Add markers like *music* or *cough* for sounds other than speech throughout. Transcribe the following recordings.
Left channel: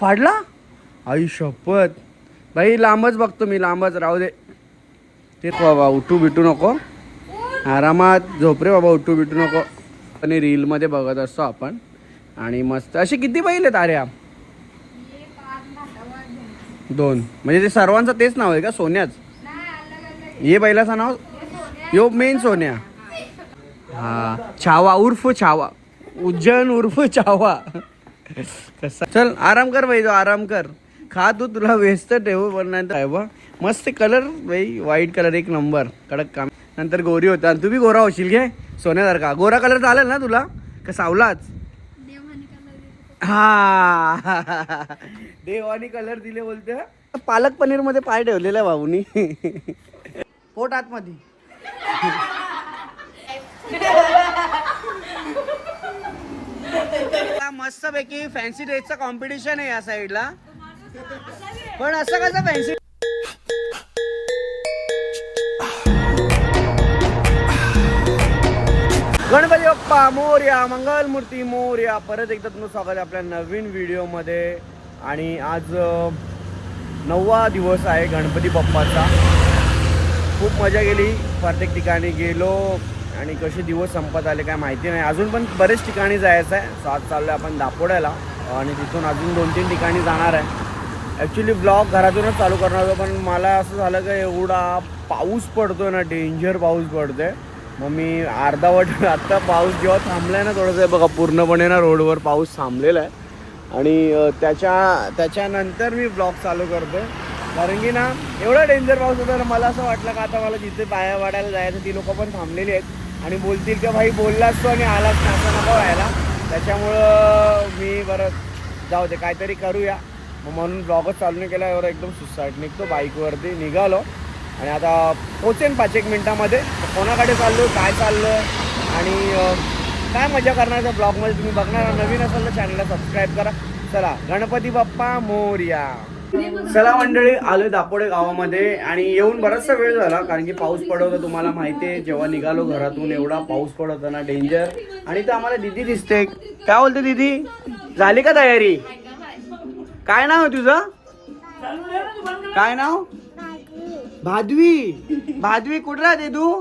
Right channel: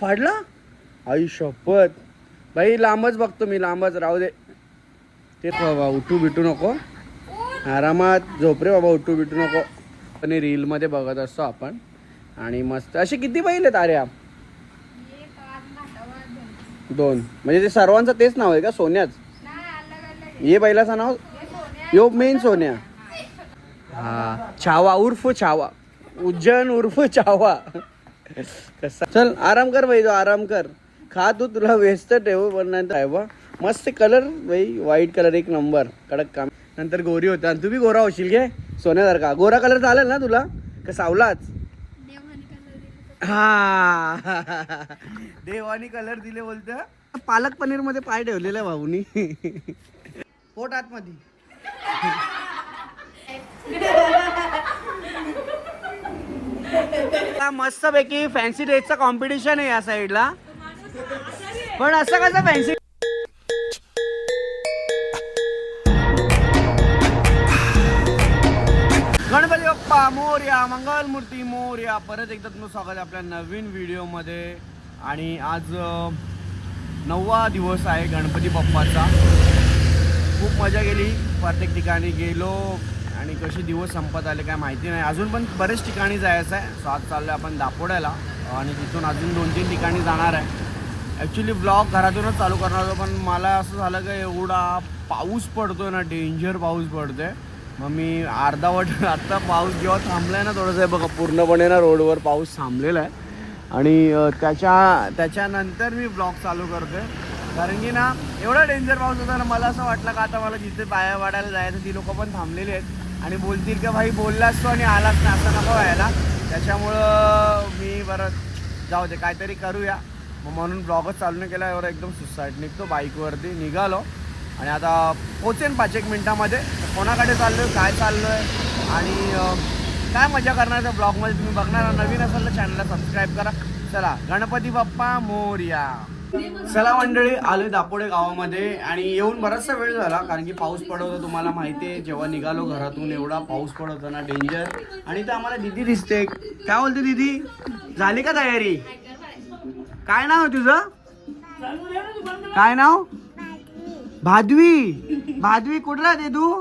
फाडला आई शपथ. भाई लांबच बघतो मी लांबच. राहू दे. ते बाबा उठू बिटू नको. आरामात. झोप रे बाबा उठू बिटू नको. आणि रील मध्ये बघत असतो आपण. आणि मस्त. असे किती बैल आहेत आर्या? दोन. म्हणजे ते सर्वांचं तेच नाव आहे का? सोन्याच? ये बैलाचं नाव? यो मेन सोन्या. हा. छावा उर्फ छावा. उज्जैन उर्फ छावा. चल आराम कर भाई तो आराम कर. खा तू तुला व्यस्त ठेवू पण नंतर बा? मस्त कलर भाई व्हाईट कलर एक नंबर कडक काम. नंतर गोरी होता. आणि तू बी गोरा होशील घे सोन्यासारखा. गोरा कलर चालेल ना तुला? का सावलाच? हा. देवानी कलर दिले बोलते. पालक पनीरमध्ये पाय ठेवलेला भाऊनी. पोट आतमध्ये. *laughs* मस्त पैकी फॅन्सी ड्रेसचा कॉम्पिटिशन आहे या साईडला पण असं कसं फॅन्सी गणपती बाप्पा मोर्या मंगलमूर्ती मोर्या. परत एकदा तुमचं स्वागत आहे आपल्या नवीन व्हिडिओमध्ये आणि आज नववा दिवस आहे गणपती बाप्पाचा. खूप मजा गेली प्रत्येक ठिकाणी गेलो. आणि कसे दिवस संपत आले काय माहिती नाही. अजून पण बरेच ठिकाणी जायचं आहे. सो आज चाललो आहे आपण दापोड्याला. आणि तिथून अजून दोन तीन ठिकाणी जाणार आहे. ॲक्च्युली ब्लॉग घरातूनच चालू करणार होतो पण मला असं झालं की एवढा पाऊस पडतोय ना डेंजर पाऊस पडतोय. मग मी अर्धावट *laughs* आत्ता पाऊस जेव्हा थांबलाय ना थोडंसं बघा पूर्णपणे ना रोडवर पाऊस थांबलेला आहे. आणि त्याच्या त्याच्यानंतर मी ब्लॉग चालू करतोय. कारण की ना एवढा डेंजर पाऊस होता ना मला असं वाटलं का आता मला जिथे पाया वाढायला जायचं ती लोकं पण थांबलेली आहेत. आणि बोलतील का भाई बोललास तो आणि आलाच ना असं नको व्हायला. त्याच्यामुळं मी बरं जाऊ दे काहीतरी करूया. मग म्हणून ब्लॉगच चालू नाही केला एवढं एकदम सुसाईड निघतो बाईकवरती निघालो. आणि आता पोचेन पाच एक मिनटामध्ये. तर कोणाकडे चाललोय काय चाललोय? आणि काय मजा करणार त्या ब्लॉगमध्ये तुम्ही बघणार नवीन असाल तर चॅनलला सबस्क्राईब करा. चला गणपती बाप्पा मोर्या. चला मंडळी आलो दापोडे गावामध्ये आणि येऊन बराचसा वेळ झाला कारण की पाऊस पडत तुम्हाला माहिती आहे. जेव्हा निघालो घरातून एवढा पाऊस पडत ना डेंजर आणि तर आम्हाला दिदी दिसते. काय बोलते दिदी? झाली का तयारी? काय नाव आहे तुझं? काय नाव? भादवी. भादवी कुठं राहते तू?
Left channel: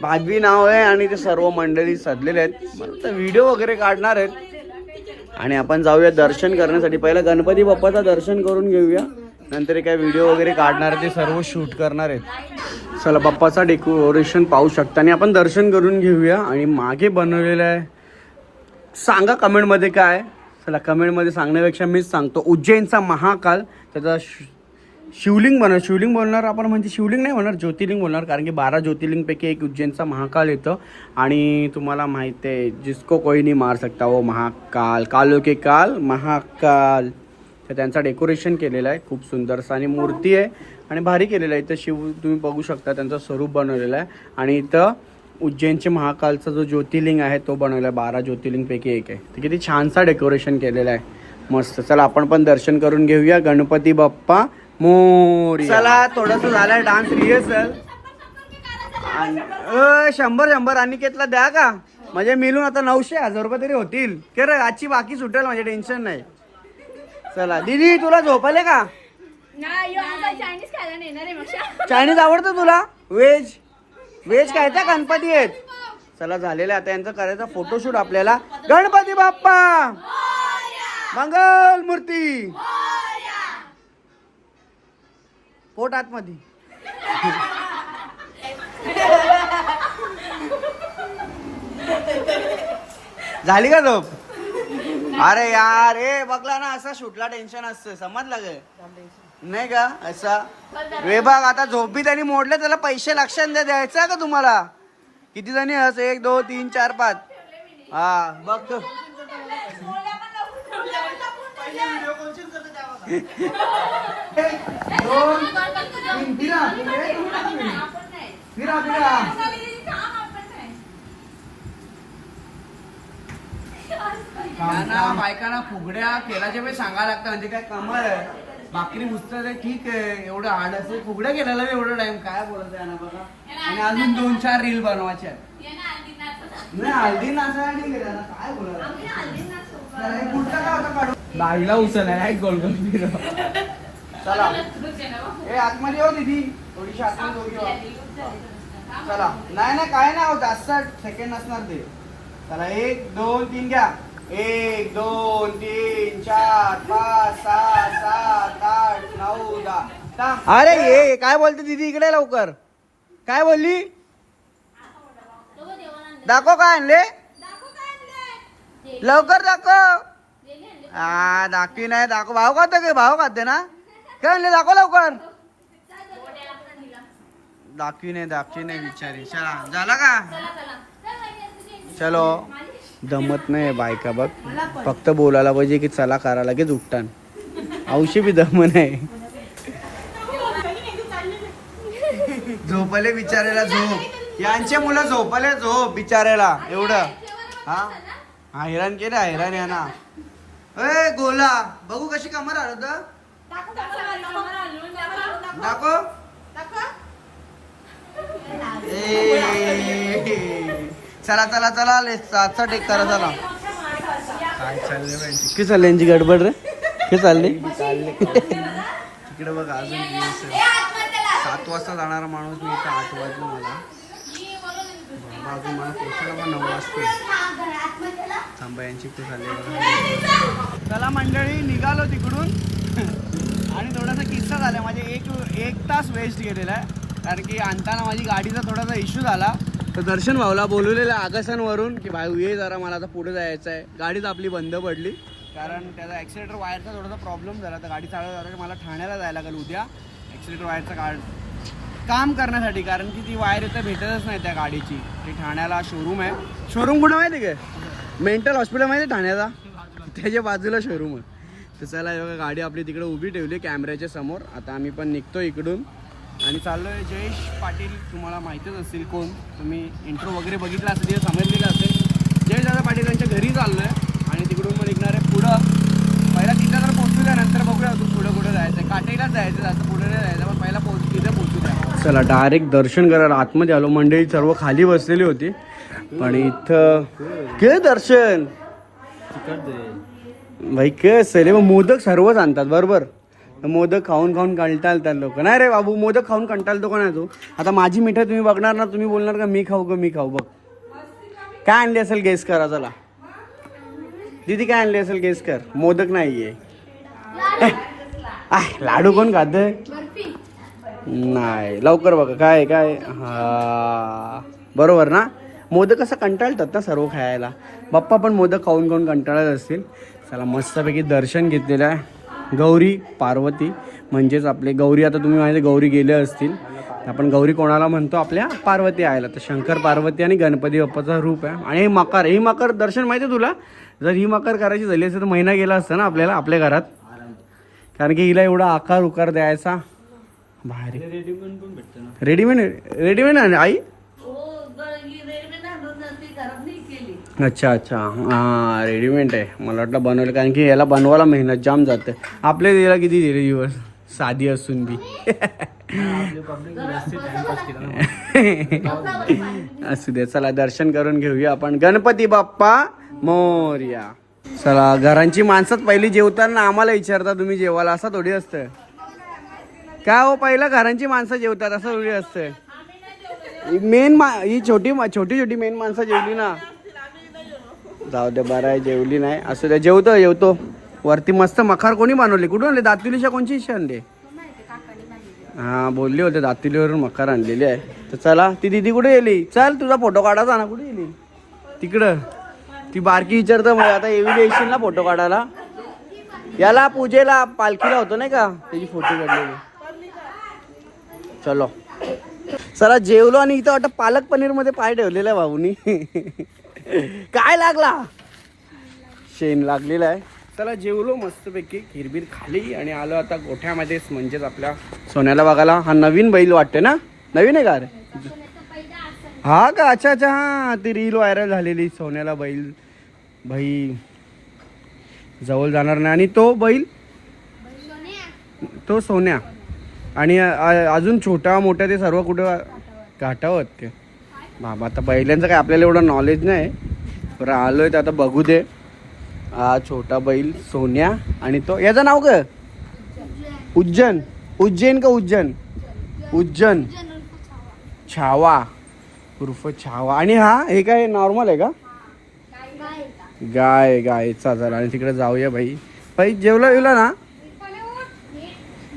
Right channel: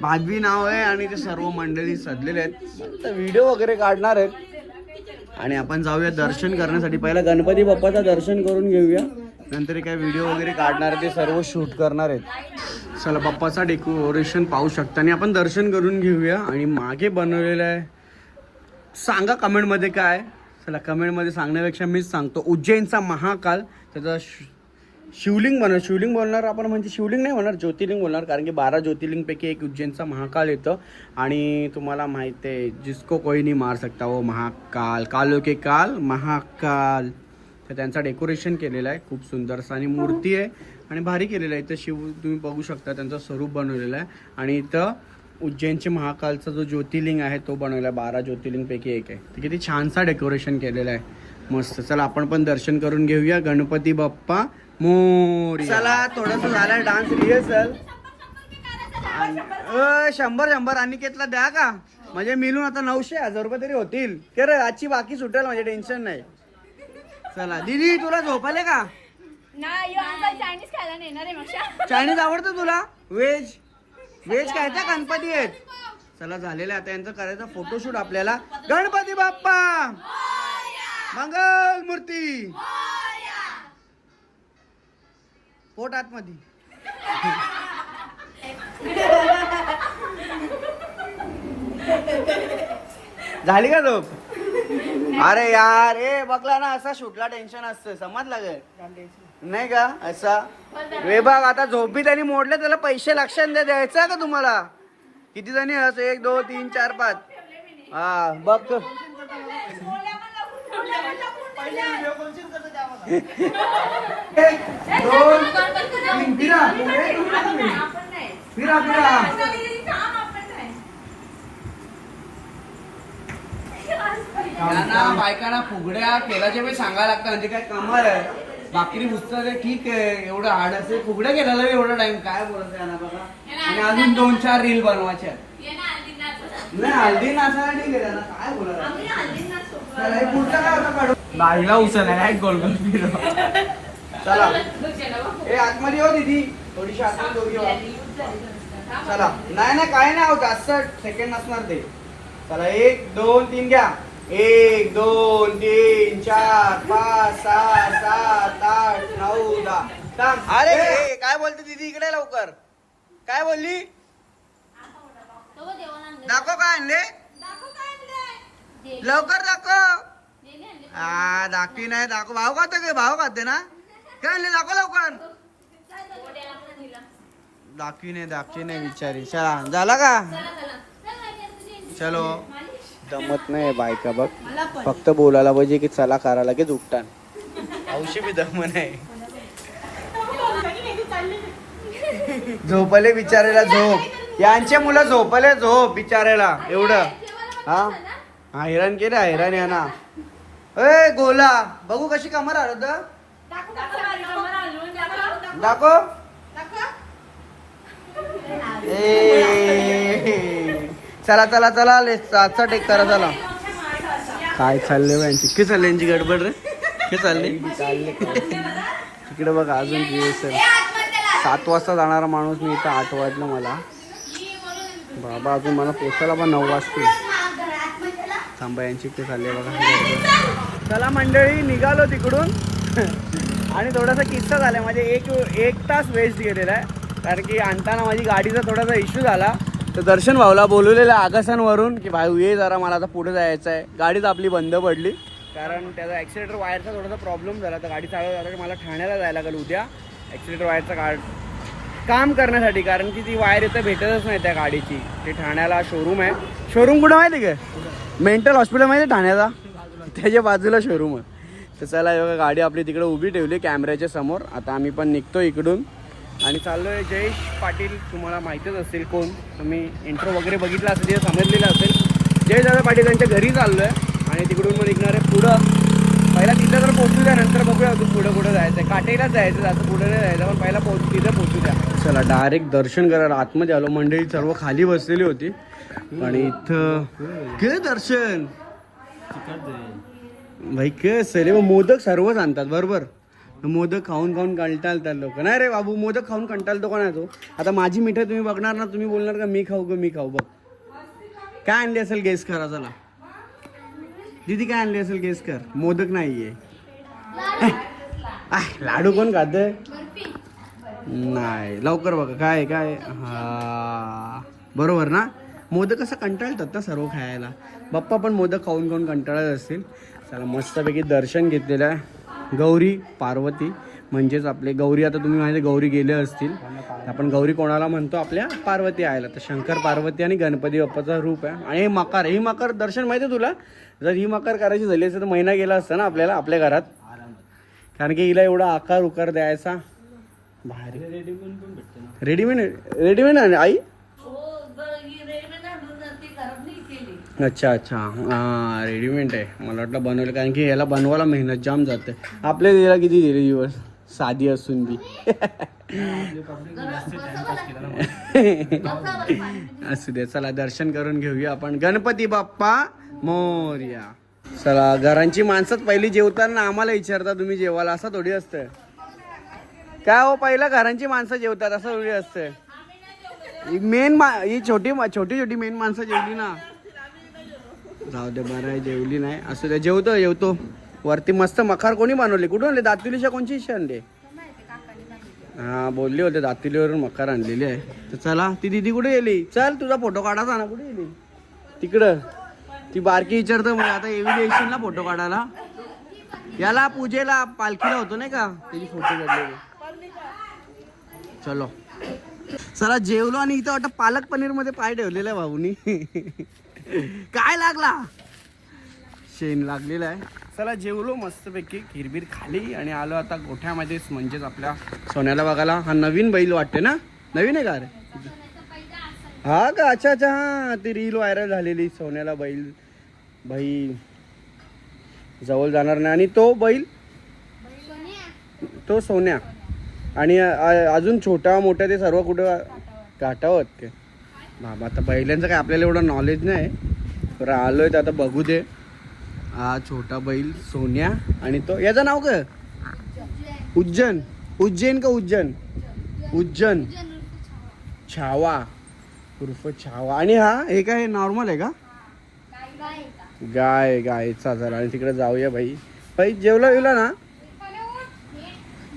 भादवी नाव आहे आणि ते सर्व मंडळी सजलेले आहेत. व्हिडिओ वगैरे काढणार आहेत. आणि आपण जाऊया दर्शन करण्यासाठी. पहिला गणपती बाप्पाचं दर्शन करून घेऊया. नंतर काय व्हिडिओ वगैरे काढणार ते सर्व शूट करणार आहेत. चला बाप्पाचा डेकोरेशन पाहू शकता. आणि आपण दर्शन करून घेऊया. आणि मागे बनवलेलं आहे. सांगा कमेंटमध्ये काय चला कमेंटमध्ये सांगण्यापेक्षा मीच सांगतो. उज्जैनचा महाकाल. त्याचा श- शिवलिंग बनव शिवलिंग बोलणार आपण म्हणजे शिवलिंग नाही म्हणणार ज्योतिर्लिंग बोलणार. कारण की बारा ज्योतिर्लिंगपैकी एक उज्जैनचा महाकाल येतं. आणि तुम्हाला माहिती आहे जिसको कोई नाही मार सकता वो महाकाल. कालो के काल महाकाल. तर त्यांचा डेकोरेशन केलेलं आहे. खूप सुंदरसा आणि मूर्ती आहे. आणि भारी केलेलं आहे. इथं शिव तुम्ही बघू शकता त्यांचं स्वरूप बनवलेलं आहे. आणि इथं उज्जैनचे महाकालचा जो ज्योतिर्लिंग आहे तो बनवला आहे. बारा ज्योतिर्लिंगपैकी एक आहे. तर किती छानसा डेकोरेशन केलेलं आहे. मस्त. चला आपण पण दर्शन करून घेऊया. गणपती बाप्पा. मोर. चला थोडस झालाय डान्स रिहर्सल शंभर शंभर. अनिकेतला द्या का? म्हणजे मिळून आता नऊशे हजार रुपये तरी होतील. के रे आजची बाकी सुटेल माझे टेन्शन नाही. चला दीदी तुला झोपले का? चायनीज आवडतं तुला? व्हेज व्हेज काय त्या गणपती आहेत. चला झालेलं आहे. आता यांचं करायचं फोटोशूट आपल्याला. गणपती बाप्पा! मंगल मूर्ती पोट आतमध्ये. झाली का झोप? अरे यार ए बघला ना असा शूटला टेन्शन असतं समजलं गे नाही का? असा. रे बघ आता झोपी त्यांनी मोडले त्याला पैसे लक्षात द्या द्यायचं का तुम्हाला? किती जणी अस एक दोन तीन चार पाच. हा बघ. एक, दोन, तीन, फिरा. फिरा फिरा त्यांना बायकांना फुगड्या केल्याच्या वेळी सांगायला लागतं म्हणजे काय कमाल आहे. भाकरी पुस्तक ठीक आहे एवढं हार्ड असेल फुगड्या केल्याला एवढा टाइम काय बोलत त्यांना बघा आणि अजून दोन चार रील बनवायच्या नाही हल्दी नाचणार ठीक आहे त्यांना काय बोलत हे पुढचं काय आता काढू? नाहीला उचलला काय गोल गोल फिरव. चला. ए आतमध्ये हो दीदी. थोडीशी आतमध्ये दोघी व्हा. चला. नाही नाही काय नाही अहो, जास्त सेकंड नसणार ते. चला एक दोन तीन घ्या. एक दोन तीन चार पाच सहा सात आठ नऊ दहा. अरे हे काय बोलते दीदी? इकडे लवकर. काय बोलली? दाखव काय आणले? लवकर दाखव. हा दाखवी नाही दाखव. भाव खाते काय भाव खाते ना? काय म्हणले दाखव लवकर. दाखवी नाही दाखवी नाही विचारी. चला झाला का? चलो. जमत नाही बायका बघ. फक्त बोलायला पाहिजे की चला करा लगेच उठतान. औषधी बी दम नाही. झोपले बिचारायला झोप. यांचे मुलं झोपले झोप विचारायला एवढं. हा? हैराण केलं हैराण या ना. ए गोला बघू कशी कमर आलं दाखव ए. चला चला चला ले सातचा टेक करा चला. काय चालले यांची? कि चालले यांची गडबड रे? कि चालली? चालले इकडे बघा अजून सात वाजता जाणारा माणूस मी इथं आठ वाजलं मला. बाबा अजून मला पोचायला पण नऊ वाजतील. थांबा यांची इकडे चालले बघा. चला मंडळी निघालो तिकडून. आणि थोडासा किस्सा झाला. म्हणजे एक एक तास वेस्ट गेलेला आहे. कारण की आणताना माझी गाडीचा थोडासा इश्यू झाला. तर दर्शन भाऊला बोलवलेलं आकाशांवरून की भाऊ ये जरा मला आता पुढे जायचं आहे गाडीच आपली बंद पडली. कारण त्याचा ॲक्सिलेटर वायरचा थोडासा प्रॉब्लेम झाला. तर गाडी चालवत झाला मला ठाण्याला जायला लागेल उद्या. ॲक्सिलेटर वायरचा का काम करण्यासाठी. कारण की ती वायर इथं भेटतच नाही त्या गाडीची. ते ठाण्याला शोरूम आहे. शोरूम कुठं माहिती आहे का? मेंटल हॉस्पिटल माहिती ठाण्याचा? त्याच्या बाजूला शोरूम आहे. तर चला एवढं गाडी आपली तिकडे उभी ठेवली कॅमेऱ्याच्या समोर. आता आम्ही पण निघतो इकडून. आणि चाललोय जयेश पाटील तुम्हाला माहीतच असेल कोण. तुम्ही इंट्रो वगैरे बघितला असेल तिथे समजलेलं असेल. जयेश दादा पाटील यांच्या घरी चाललोय. आणि तिकडून मग निघणार आहे पुढं. पहिला तिथं तर पोहोचू द्या नंतर बघूया अजून पुढं कुठं जायचं काटेलाच जायचं जास्त पुढे नाही जायचं पण पहिला पोहोच तिथं पोहोचू द्या. चला डायरेक्ट दर्शन करायला आतमध्ये आलो. मंडळी सर्व खाली बसलेली होती. आणि इथं के दर्शन. भाई के रे मग मोदक सर्वच आणतात बरोबर? तर मोदक खाऊन खाऊन कंटाळतात लोक. नाही रे बाबू मोदक खाऊन कंटाळतो का नाही तू? आता माझी मिठाई तुम्ही बघणार ना तुम्ही बोलणार का मी खाऊ का मी खाऊ? बघ. काय आणली असेल गेस करा चला दीदी काय आणली असेल गेस कर. मोदक नाहीये. *laughs* आ लाडू कोण खात नाही लवकर बघा. काय काय हा बरोबर ना? मोदक असं कंटाळतात ना सर्व खायला. बाप्पा पण मोदक खाऊन खाऊन कंटाळत असतील. चला मस्तपैकी दर्शन घेतलेलं आहे. गौरी पार्वती म्हणजेच आपले गौरी. आता तुम्ही माहिती गौरी गेले असतील. आपण गौरी कोणाला म्हणतो? आपल्या पार्वती आयला तर शंकर पार्वती आणि गणपती बाप्पाचा रूप आहे. आणि हे मकर ही मकर दर्शन माहिती आहे तुला? जर ही मकर करायची झाली असती तर महिना गेला असता ना आपल्याला आपल्या घरात. कारण की हिला एवढा आकार उकार द्यायचा. रेडीमेड रेडीमेड आहे आई? अच्छा अच्छा. हां रेडीमेड आहे. मला वाटलं बनवलं कारण की याला बनवायला मेहनत जाम जाते. आपले याला किती दिले दिवस साधी असून बी. असू दे चला दर्शन करून घेऊया आपण. गणपती बाप्पा मोर्या. चला घरांची माणसात पहिली जेवताना आम्हाला विचारता तुम्ही जेवायला असं थोडी असतं? काय हो पहिला घरांची माणसं जेवतात असं थोडी असतं? मेन मा ही छोटी मा- छोटी छोटी मेन माणसं जेवली ना. जाऊ दे बरं आहे जेवली नाही. असं द्या जेवतो जेवतो. वरती मस्त मखार कोणी बनवले? कुठून आणले? दातिलीच्या कोणची इच्छा आणले? हां बोलले होते दातिलीवरून मखार आणलेली आहे. तर चला ती दिदी कुठे गेली? चल तुझा फोटो काढायचा ना कुठे गेली? तिकडं. ती बारकी विचारतं मला आता एवढी येशील ना फोटो काढायला. याला पूजेला पालखीला होतो नाही का? त्याची फोटो काढलेली. चलो. चला जेवलो आणि इथं वाटतं पालक पनीरमध्ये पाय ठेवलेला आहे भाऊनी. *laughs* काय लागला? शेण लागलेला आहे. चला जेवलो मस्तपैकी. खिरबीर खाली आणि आलो आता गोठ्यामध्येच म्हणजेच आपल्या सोन्याला बघायला. हा नवीन बैल वाटते ना? नवीन आहे का रे? हा का? अच्छा अच्छा हा. ती रील व्हायरल झालेली सोन्याला बैल. बैल. जवळ जाणार नाही. आणि तो बैल? तो सोन्या. आणि अजून छोटा मोठा ते सर्व कुठं? घाटावं ते. बाबा आता बैलांचं काय आपल्याला एवढं नॉलेज नाही. पण आलो आहे तर आता बघू दे. हा छोटा बैल सोन्या आणि तो याचं नाव काय? उज्जैन. उज्जैन का उज्जैन? उज्जैन. छावा. उर्फ छावा. आणि हा हे काय नॉर्मल आहे का? गाय गायचा जरा आणि तिकडे जाऊया बाई. बाई जेवला जेवला ना?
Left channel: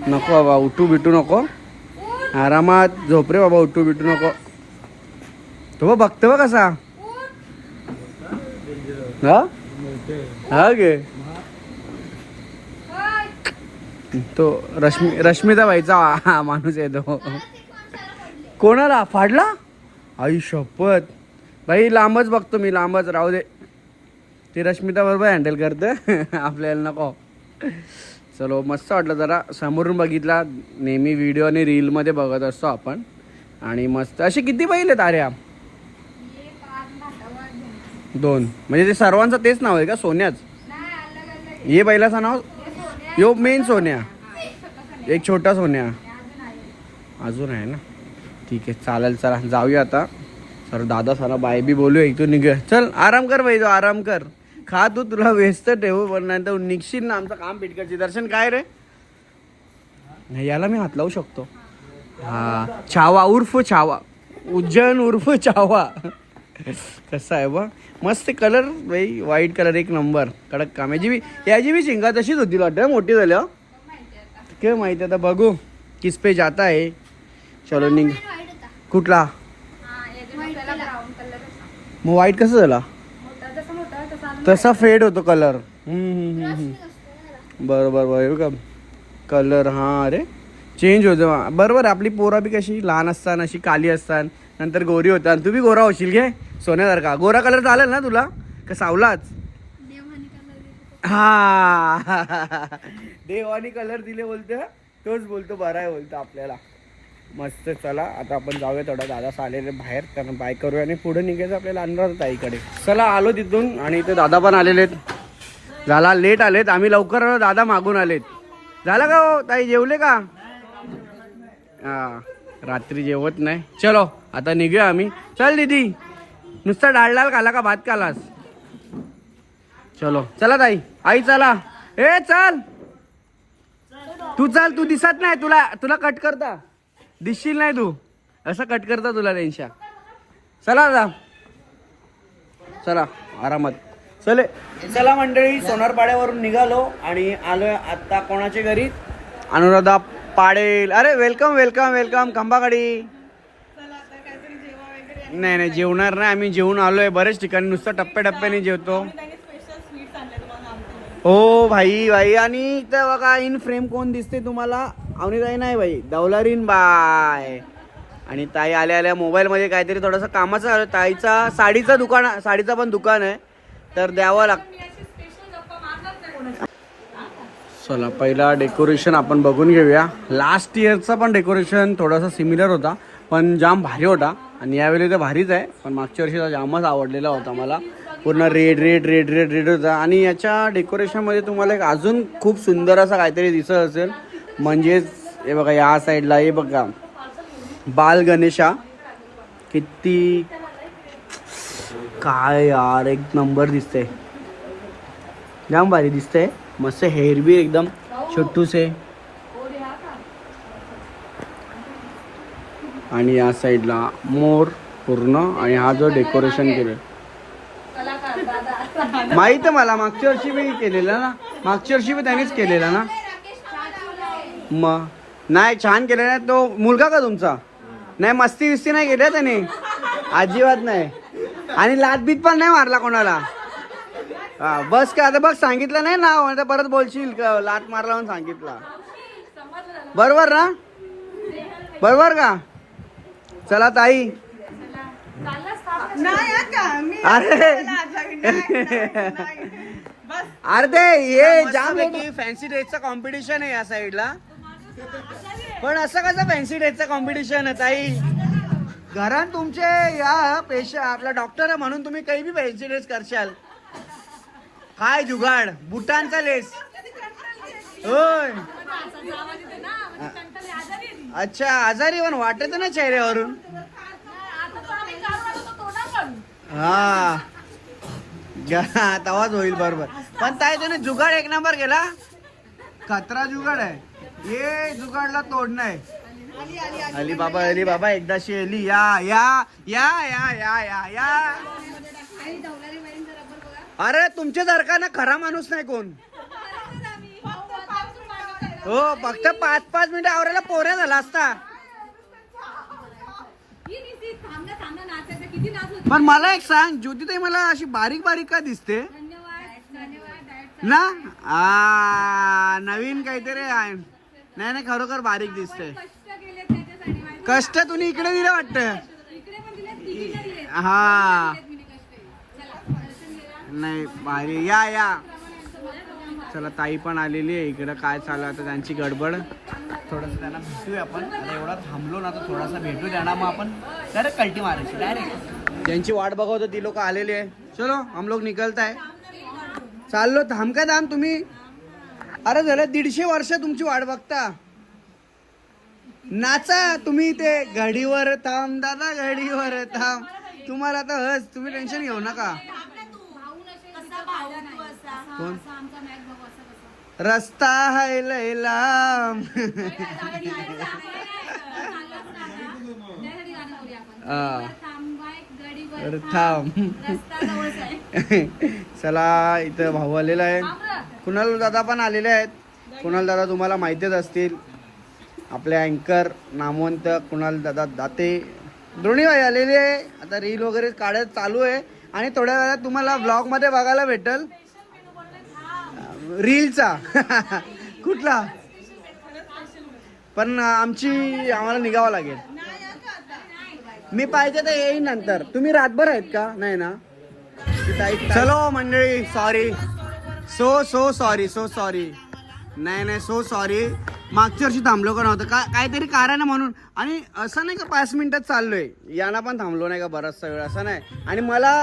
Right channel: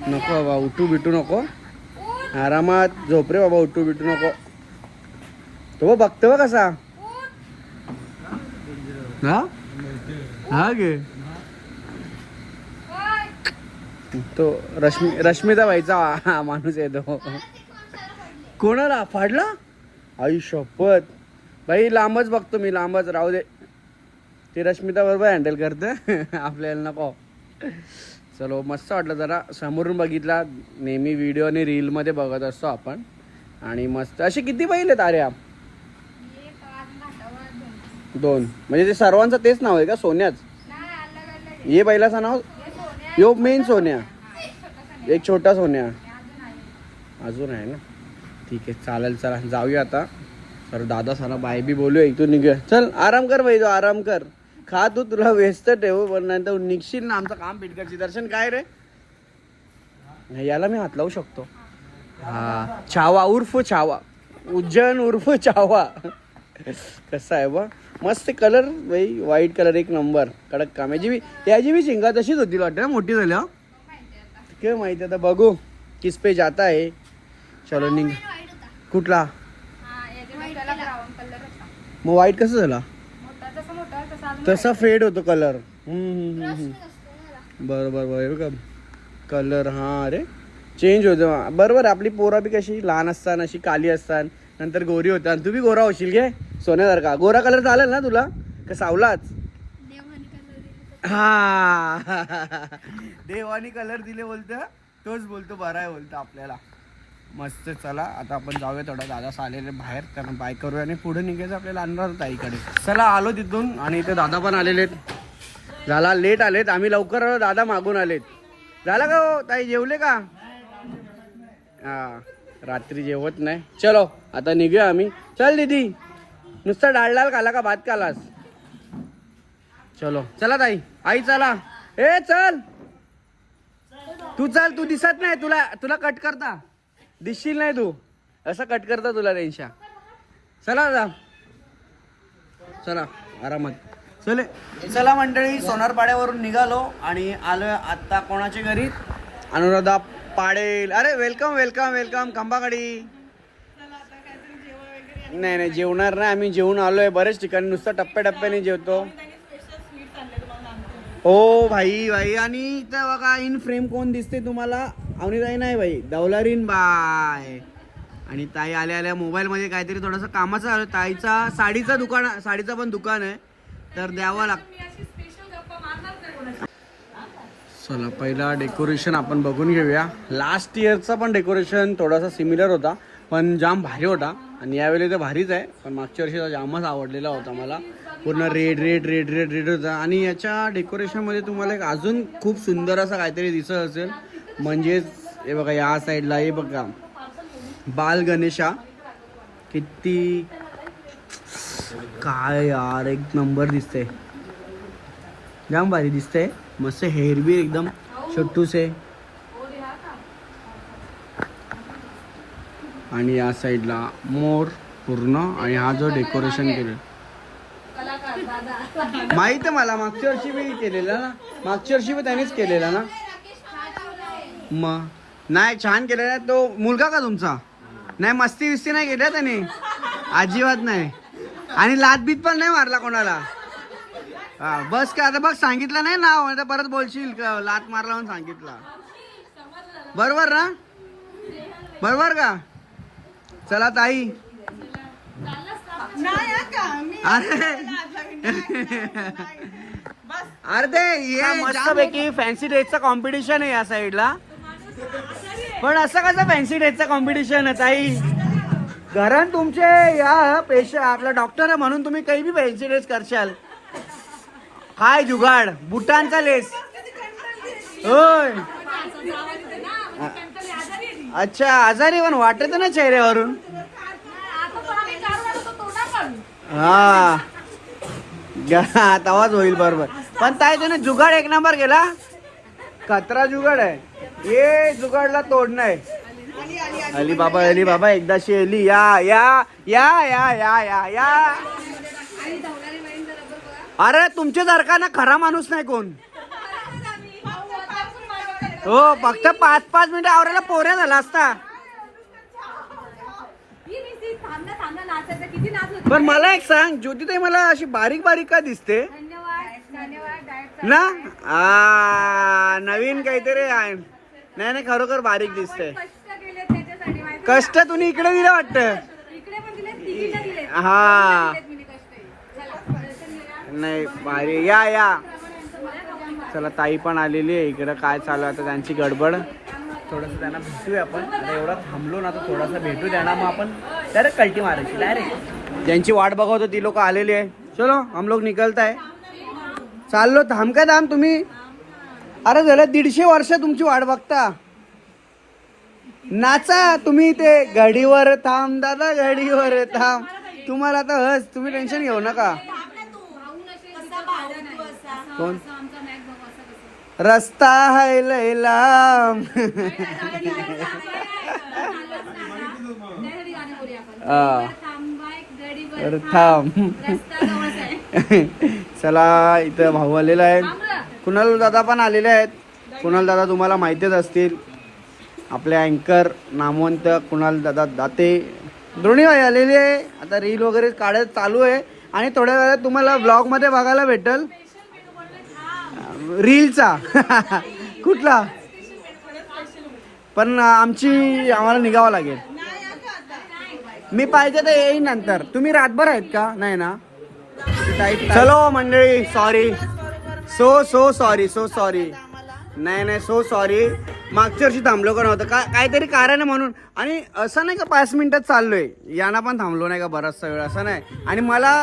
नको बाबा उठू बिटू नको. आरामात. झोप रे बाबा उठू बिटू नको. तो बघतो बघ कसा हा? गे. तो रश्मी रश्मिता बाईचा हा माणूस येतो कोणाला? फाडला? आई शपथ. भाई लांबच बघतो मी लांबच. राहू दे. ती रश्मिता बरोबर हँडल करते. *laughs* आपल्याला नको. चलो मस्त वाटलं जरा. समोरून बघितला. नेहमी व्हिडिओ आणि रीलमध्ये बघत असतो आपण. आणि मस्त. असे किती बैल आहेत आर्या? दोन. म्हणजे ते सर्वांचं तेच नाव आहे का? सोन्याच? ये बैलाचं नाव? यो मेन सोन्या. एक छोटा सोन्या. अजून आहे ना? ठीक आहे चालेल चला. जाऊया आता. सर दादा सारा बाय बी बोलूया. इथून निघूया. चल आराम कर बाई तो आराम कर. खा तू तुला व्यस्त ठेवू पण नाही तर निघशील ना आमचं काम पेटकायची दर्शन काय रे? याला मी हात लावू शकतो. हा. छावा उर्फ छावा. उज्जैन उर्फ छावा. *laughs* कसं आहे बा मस्त कलर बाई व्हाईट कलर एक नंबर कडक काम. याची बी याची बी शिंगा तशीच होती वाटतं मोठी झाल्या काय माहिती आता बघू. किस पे जाता आहे. चलो निघ. कुठला? मग व्हाईट कसं झाला? तसा फेड होतो कलर बरोबर बरोबर का? कलर हा अरे. चेंज होतो बरोबर आपली पोरं बी कशी लहान असतात अशी काली असतात नंतर गोरी होतात तू बी गोरा होशील घे. सोन्यासारखा गोरा कलर चालेल ना तुला? का सावलाच? हा. देवानी कलर दिले बोलतो. तोच बोलतो बरा आहे बोलतो आपल्याला. मस्त चला. आता आपण जाऊया थोडा. दादा आलेले बाहेर. त्यांना बाय करूया आणि पुढे निघायचं आपल्याला अनुराध ताईकडे चला आलो तिथून. आणि इथे दादा पण आलेले आहेत झाला लेट आलेत. आम्ही लवकर आलो दादा मागून आलेत. झाला का हो? ताई जेवले का? हा. रात्री जेवत नाही. चलो. आता निघूया आम्ही. चल दीदी. नुसता डाळ डाळ खाला का भात खालास? चलो. चला ताई. आई चला. ए चल. तू चल तू दिसत नाही. तुला तुला कट करता. दिसशील नाही तू. असं कट करता तुला त्यांच्या चला जा चला आरामात. चले. चला मंडळी सोनारपाड्यावरून निघालो आणि आलोय आता कोणाच्या घरी? अनुराधा पाडेल. अरे वेलकम वेलकम वेलकम खंबाकडी नाही नाही जेवणार नाही. आम्ही जेवून आलोय. बरेच ठिकाणी नुसतं टप्प्याटप्प्याने जेवतो. हो भाई भाई. आणि इथं बघा इन फ्रेम कोण दिसते तुम्हाला? अवनीताई नाही भाई. दौलारीन बाय. आणि ताई आल्या आल्या. मोबाईलमध्ये काहीतरी थोडंसं कामाचं झालं ताईचा साडीचं दुकान साडीचं पण दुकान आहे. तर द्यावं लागतं चला पहिला डेकोरेशन आपण बघून घेऊया. लास्ट इयरचा पण डेकोरेशन थोडासा सिमिलर होता पण जाम भारी होता. आणि यावेळी तर भारीच आहे. पण मागच्या वर्षी जामच आवडलेला होता मला. पूर्ण red red red red red होता. आणि याच्या डेकोरेशनमध्ये तुम्हाला एक अजून खूप सुंदर असं काहीतरी दिसत असेल. म्हणजेच हे बघा या साईडला हे बघा. बाल गणेशा. किती काय यार एक नंबर दिसते जाम भारी दिसते मस्त हेअर बी एकदम छोटूसे. आणि या साईडला मोर पूर्ण आणि हा जो डेकोरेशन केलं माहीत आहे मला मागच्या वर्षी मी केलेला ना. मागच्या वर्षी मी त्यानेच केलेला ना. मग नाही छान केलं ना तो मुलगा का तुमचा? नाही मस्ती विस्ती नाही केल्या त्याने? अजिबात नाही. आणि लातबीत पण नाही मारला कोणाला? हा बस का आता बघ सांगितलं नाही नाव आता परत बोलशील का? लात मारला म्हणून सांगितला. बरोबर ना? बरोबर का? चला ताई. अरे. अरे ते ये जामपैकी फॅन्सी ड्रेसचा कॉम्पिटिशन आहे या साईडला पण असं कसं फॅन्सी ड्रेसचं कॉम्पिटिशन आहे ताई? घरात तुमचे या पेशा आपला डॉक्टर आहे म्हणून तुम्ही काही बी फॅन्सी ड्रेस करशाल. हाय जुगाड बुटांचा लेस होय. अच्छा आजारी पण वाटत ना चेहऱ्यावरून. हा. तवाच होईल बरोबर. पण ताई त्याने जुगाड एक नंबर केला. खतरा जुगाड आहे. ये जुगाडला तोडणं आहे अली बाबा अली बाबा एकदाशी अली या या या या या या या. अरे तुमच्या सारखा ना खरा माणूस नाही कोण? हो फक्त पाच पाच मिनिट आवरायला पोऱ्या झाला असता. पण मला एक सांग ज्योतिताई मला अशी बारीक बारीक का दिसते? ना? आ नवीन काहीतरी आहे. नाही नाही खरोखर बारीक दिसते. कष्ट तुम्ही इकडे दिले वाटत. हा. नाही भारी. या या. चला ताई पण आलेली आहे इकडं. काय चालू आहे आता त्यांची गडबड? थोडंसं त्यांना भेटूया आपण. आता एवढा थांबलो ना तर थोडासा भेटू त्यांना मग आपण. डायरेक्ट कल्टी मारायची डायरेक्ट ज्यांची वाट बघवतो ती लोक आलेली आहे. चलो हम लोग निकलत आहे चाललो थांब का थांब तुम्ही? अरे झालं दीडशे वर्ष तुमची वाट बघता. नाचा तुम्ही ते घडीवर थांब दादा घडीवर थांब. तुम्हाला आता हस तुम्ही टेन्शन घेऊ नका. कोण आमचा मॅच बघू असं कसं रस्ता है लय लांब. हा. थांब. चला इथं भाऊ आलेला आहे. कुणाल दादा पण आलेले आहेत. कुणाल दादा तुम्हाला माहितीच असतील. आपले अँकर नामवंत कुणाल दादा दाते. दोन्ही आलेले आहे. आता रील वगैरे काढत चालू आहे. आणि थोड्या वेळात तुम्हाला ब्लॉगमध्ये बघायला भेटल. रीलचा. कुठला? पण आमची आम्हाला निघावं लागेल. मी पाहिजे तर येईन नंतर. तुम्ही रातभर आहेत का? नाही ना? चलो मंडळी sorry so so sorry so sorry नाही नाही सो सॉरी मागच्या वर्षी थांबलो का नव्हतं? काय काहीतरी कारण आहे म्हणून. आणि असं नाही का पाच मिनिटात चाललोय? यांना पण थांबलो नाही का बराचसा वेळ असं नाही. आणि मला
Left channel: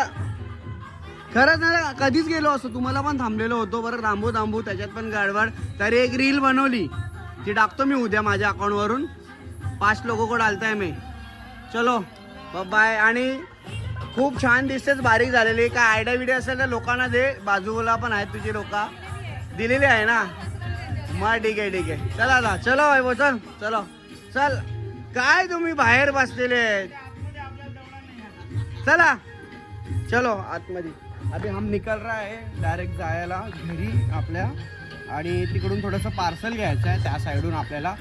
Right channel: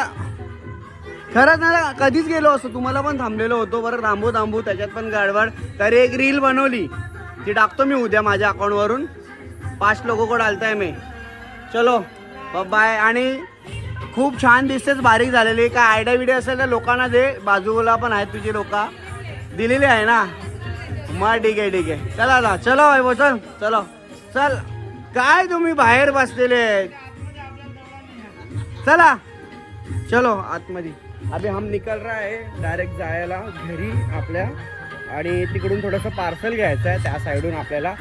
खरंच ना कधीच गेलो असतो. तुम्हाला पण थांबलेलो होतो. बरं थांबू थांबू त्याच्यात पण गडबड. तर एक रील बनवली. ती टाकतो मी उद्या माझ्या अकाउंटवरून पाच लोक कोण आलताय मी. चलो बाय आणि खूप छान दिसतेच बारीक झालेली. काय आयडिया विडिया असेल तर लोकांना दे. बाजूला पण आहेत तुझी लोक. दिलेली आहे ना? मग ठीक आहे ठीक आहे. चला चला. चलो वैभव, चल चलो. चल. काय तुम्ही बाहेर बसलेले आहेत? चला. चलो आतमध्ये. अभी हम निकल रहा है डायरेक्ट जायला घरी आपल्या. आणि तिकडून थोडंसं पार्सल घ्यायचं आहे त्या साईडून आपल्याला.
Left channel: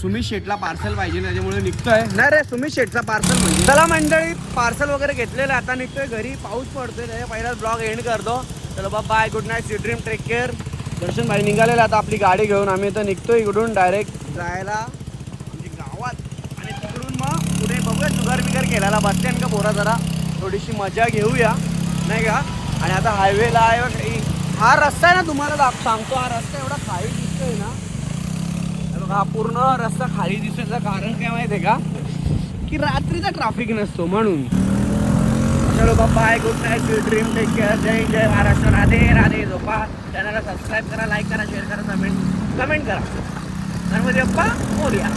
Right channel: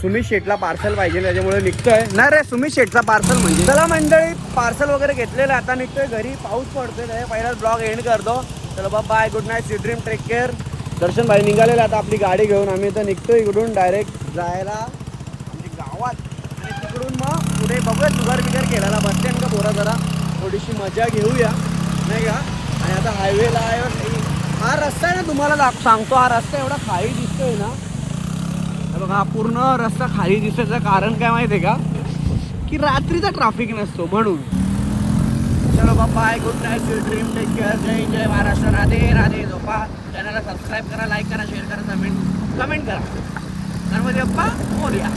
सुमित शेटला पार्सल पाहिजे त्याच्यामुळे निघतोय. नाही रे सुमित शेटचा पार्सल म्हणजे? चला मंडळी पार्सल वगैरे घेतलेलं आहे आता निघतोय घरी. पाऊस पडतोय त्याच्या पहिलाच ब्लॉग एंड करतो. चलो बा bye good night see dream take care Darshan भाई निघालेलं आता आपली गाडी घेऊन. आम्ही तर निघतोय इकडून डायरेक्ट जायला. म्हणजे गावात. आणि तिकडून मग पुढे बघूया जुगार बिगार केलेला. बसते स्टँड का बोरा जरा. थोडीशी मजा घेऊया. नाही का? आणि आता हायवेला आहे. हा रस्ता आहे ना तुम्हाला सांगतो हा रस्ता एवढा खाली दिसतोय ना. पूर्ण रस्ता खाली दिसायचं कारण काय माहिती का? की रात्रीचा ट्राफिक नसतो म्हणून. चलो bye good night dream take care जय जय महाराष्ट्र राधे राधे झोपा चॅनलला सबस्क्राईब करा लाईक करा शेअर करा कमेंट कमेंट करा. तर मग बाप्पा मोर्या